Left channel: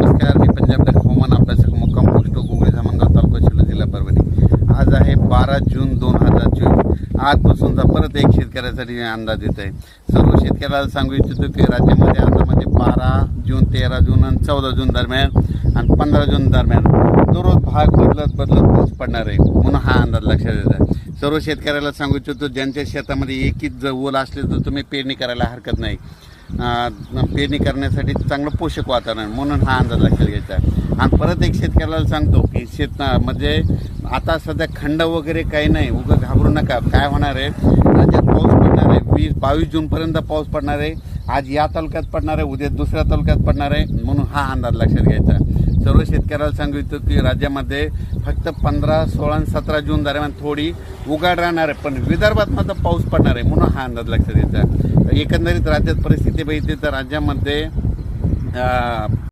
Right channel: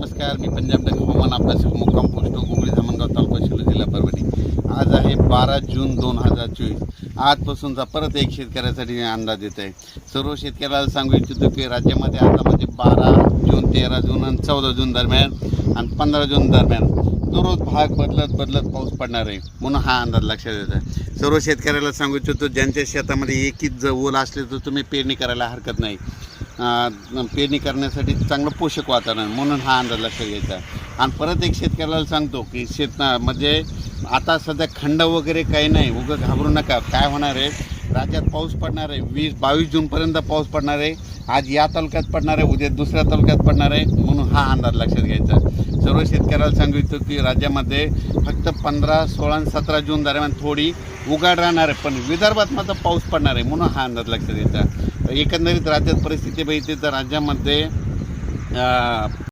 नमस्कार, मी पंजाब डक हवामान अभ्यासक मुक्काम पोस्ट गुगळी धामणगाव तालुका शिरूर जिल्हा परभणी. आज आहे 12 जून 2024. आजपासूनचा परत एक शेतकऱ्यासाठी अंदाज येत आहे. सर्व शेतकऱ्याला सांगू इच्छितो की राज्यामध्ये आतामध्ये 12 जून, 13 जून आणि 14 जून दरम्यान आणि 15 जून दरम्यान दररोज भाग बदलत पाऊस पडणार आहे, म्हणून हा अंदाज लक्षात येतो. सर्व शेतकऱ्याला सांगू इच्छितो ज्यांच्या शेतामध्ये एकच ओल असले तर तुम्ही पेरणी करायला हरकत नाही. पेरणी करण्यासाठी चांगलं पोषक वातावरण, म्हणून हा अंदाज लक्षात घ्यायचा. आणि परत एक शेतकऱ्याला सांगतो की म्हणजे आता सध्या खंड वगैरे काही नाही, उगाच घाबरू नका. काय होणार आहे, राज्यात पाऊस पडणार आहे. 20-22 जूनपर्यंत पाऊस पडणार आहे. आज या तालुक्यात पडणार आहे, उद्या दुसऱ्या तालुक्यात पडणार आहे, म्हणून हा अंदाज लक्षात घ्यायचा. सर्व शेतकऱ्याला सांगितलं की राज्यामध्ये फक्त 15, 16 आणि 17 जून दरम्यान थोडी उघाड राहणार आहे, पण विदर्भात मात्र पाऊस पडणार आहे, म्हणून हा अंदाज लक्षात घ्यायचा. एकंदरीत राज्यात परिस्थिती बघितली तर राज्यामध्ये